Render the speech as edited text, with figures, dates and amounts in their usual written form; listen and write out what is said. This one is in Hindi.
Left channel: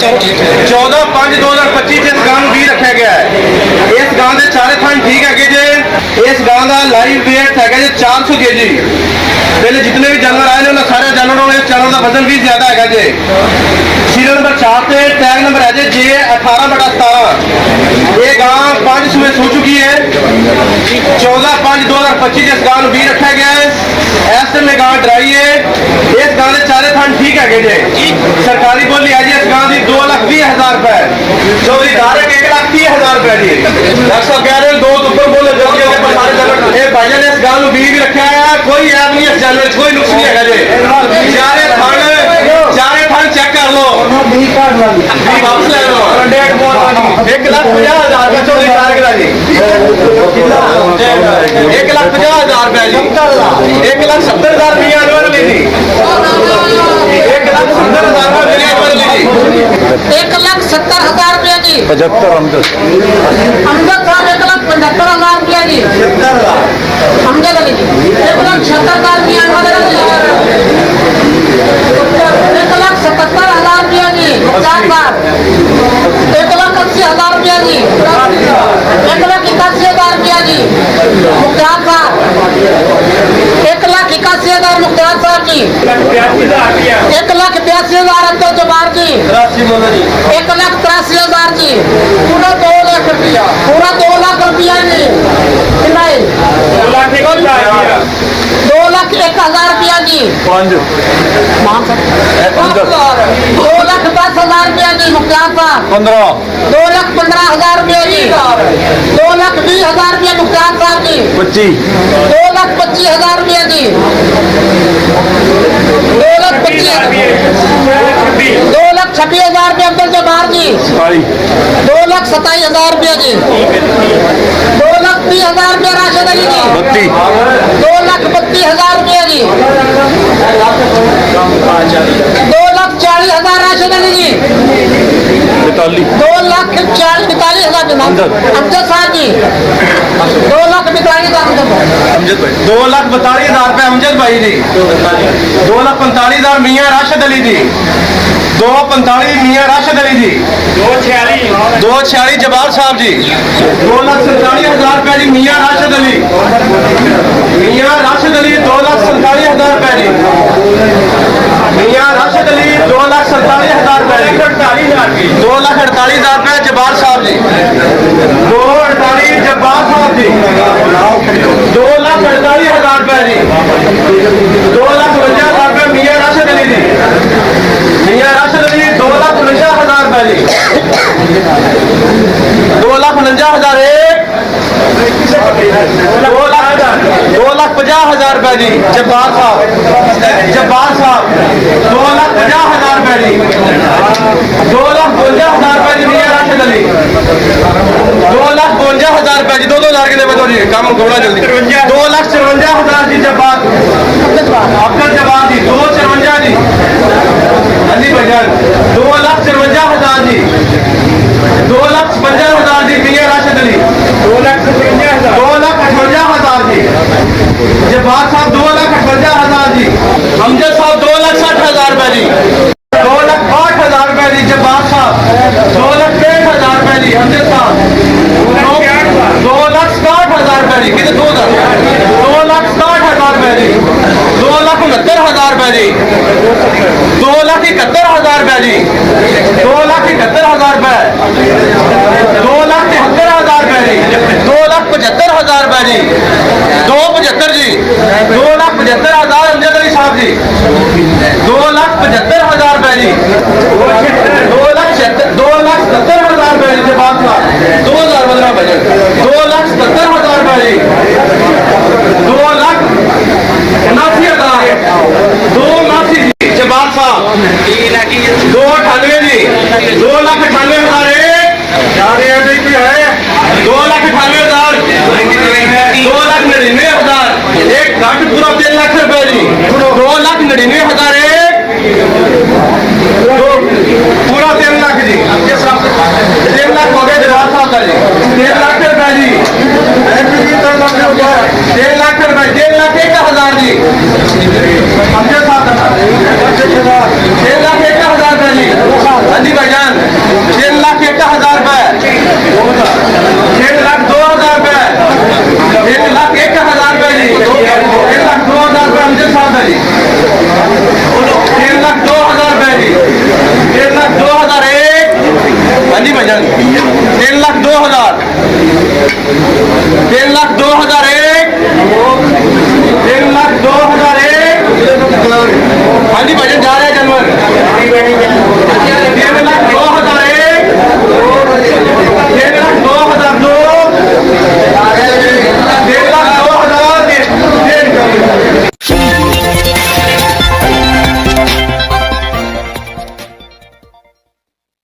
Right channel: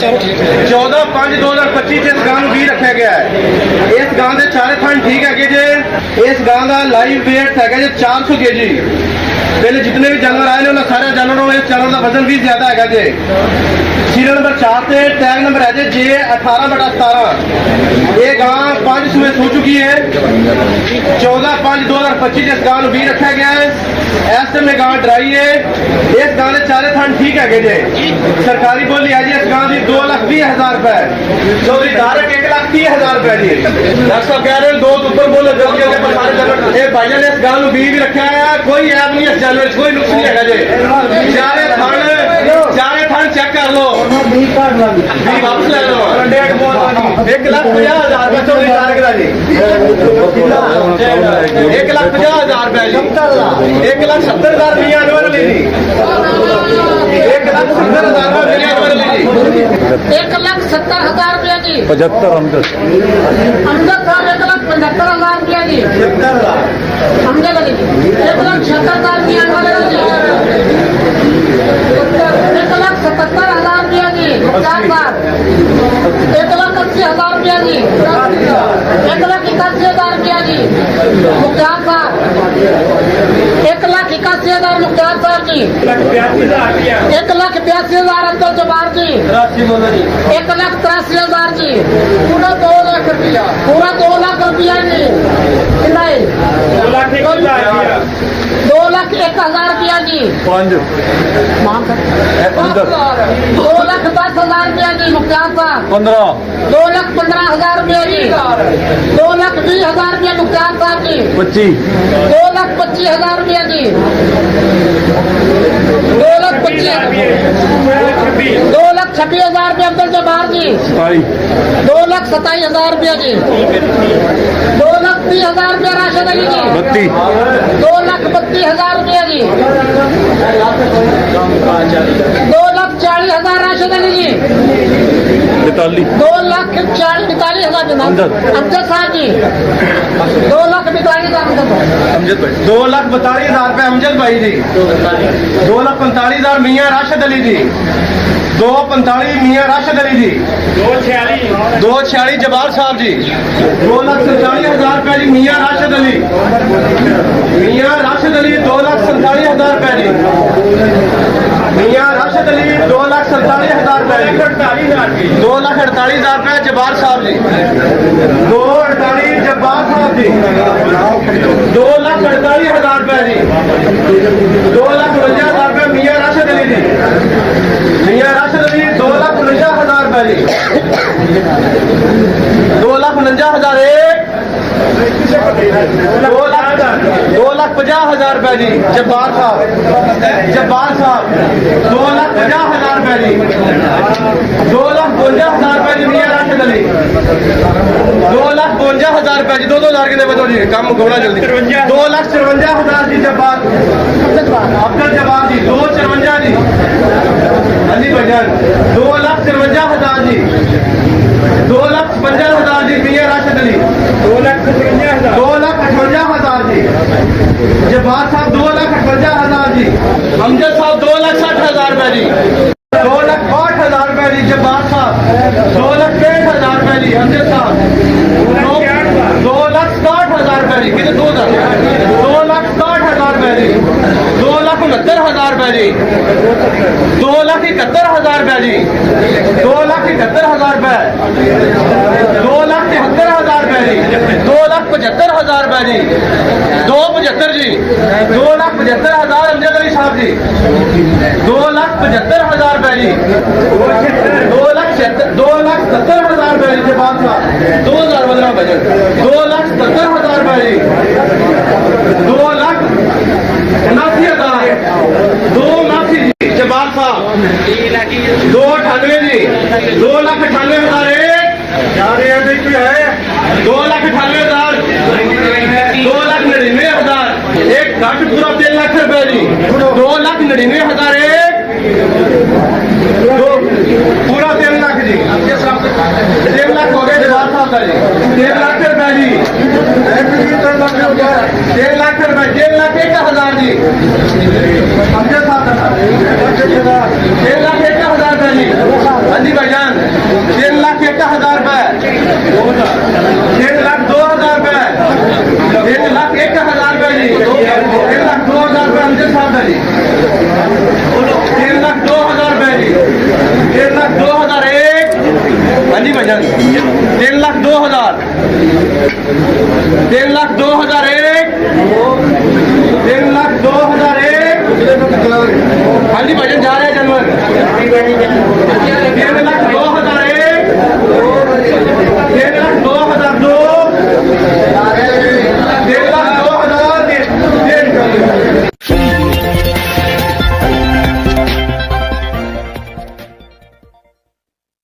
14/5/2025 इस गां भी रखा गया है। इस गां के चारे थान ठीक है जे। इस गां का लाइव वेट है जी 400 kg। पहले जितने भी जानवर आए हैं सारे जानवरों में इस जानवर का वजन भी ज्यादा है जी। सीरियल नंबर 4 पे टैग नंबर है जी 18/17। ये गां 5 सुबह सो चुकी है। 14/5/2025 इस गां भी रखा गया है। ऐसे में गां ड्राई है। इस गां के चारे थान ठीक है जी। सरकारी बोली है जी इस गां की 2,20,000 रुपए। चौधरी धारक 1,30,000 रुपए जी। डॉक्टर साहब कह रहे दो ऊपर बोले भाई ने इस गां भी रखा है। कोई ऐप नहीं इस जानवर कोई नुक्स नहीं है जी। चारे थान चेक कर लो। वापस ले लो 1,50,000 रुपए चौधरी धारक का जी। 1,50,000 रुपए जी। 1,70,000 मियां अनवर ली जी। 1,70,000 रुपए मियां अनवर ली जी। 1,70,000 रुपया जी। 75 अमजद साहब 1,75,000 रुपया जी। अमजद अली जी 1,70,000 मियां अनवर अली जी। 1,77,000 रुपया जी। मुख्तार साहब 1,80,000 रुपया जी। 1,81,000 रुपया जी। मुख्तार साहब 1,81,000 मुख्तार साहब जी। 1,82,000 अब्दुल जब्बार जी। 1,83,000 जी। पूरा 2 लाख रुपया। पूरा 2 लाख रुपया जी। नहीं 2,01,000 रुपया जी। 2,10,000 रुपया जी। मुख्तार साहब 2,15,000 रुपया जी। 2,20,000 रुपया मुख्तार साहब जी। 2,25,000 रुपया जी। 2,26,000 रुपया अब्दुल जब्बार जी। 2,27,000 रुपया जी। 2,30,000 रुपया राशिद अली जी। 2,32,000 रुपया जी। 2,40,000 राशिद अली जी। 2,42,000 अमजद साहब जी। 2,42,000 अमजद भाई 2,42,000 रुपए अमजद भाई जी। 2,45,000 मियां राशिद अली जी। 2,45 मियां राशिद अली जी। 2,46 जबार साहब जी। 2,47,000 रुपए जी मियां राशिद अली। मियां राशिद अली 2,47,000 रुपए जी। मियां राशिद अली 2,47,000 रुपए जी। 2,48,000 रुपए जबार साहब जी। 2,48 जबार साहब जी। 2,48,000 रुपए जी। 2,52,000 रुपए मियां राशिद अली जी। मियां राशिद अली 2,49,000 रुपए जी। 2,49,000 2,50,000 रुपए जी जब्बार साहब। 2,50,000 रुपए जी। 2,52,000 रुपए जी मियां राशिद अली। 2,52,000 रुपए जी। 2,000 के देवे जी काम घोड़ा जल्दी। 2,54,000 जी जब्बार अब्दुल जब्बार जी। 2,54 जी अली भजन। 2,54,000 जी। 2,55,000 जी मियां राशिद अली। 2,58,000 जी जब्बार साहब। 2,58,000 जी अमजद साहब। 2,60,000 रुपए जी। 2,62,000 रुपए जी जब्बार साहब। 2,63,000 रुपए जी अमजद साहब। 2,67,000 रुपए जी कितने 2,67,000 रुपए जी। 2,69,000 रुपए जी। 2,71,000 रुपए जी। 2,71,000 रुपए। 2,73,000 रुपए जी। 2,75,000 रुपए जी। 2,75 जी। 2,75,000 अमजद अली साहब जी। 2,75,000 रुपए जी। 2,70,000 रुपए जी जवाब साहब। 2,015 बजे 2,70,000 रुपए जी। 2,79,000 2,79 जी जवाब साहब। 2,98 जी। 2,98,000 2,98,000 2,99,000 एक घाट पूरा 3 लाख रुपए जी। 2,99,000 पूरा 3 लाख जी। 3 लाख हो गया जवाब साहब का जी। 3 लाख रुपए जी। 3 लाख रुपए 3,01,000 जी अमजद साहब 3,01,000 रुपए जी। हाँ जी भाईजान 3,02,001 3,02,001 हाँ जी भाजन जा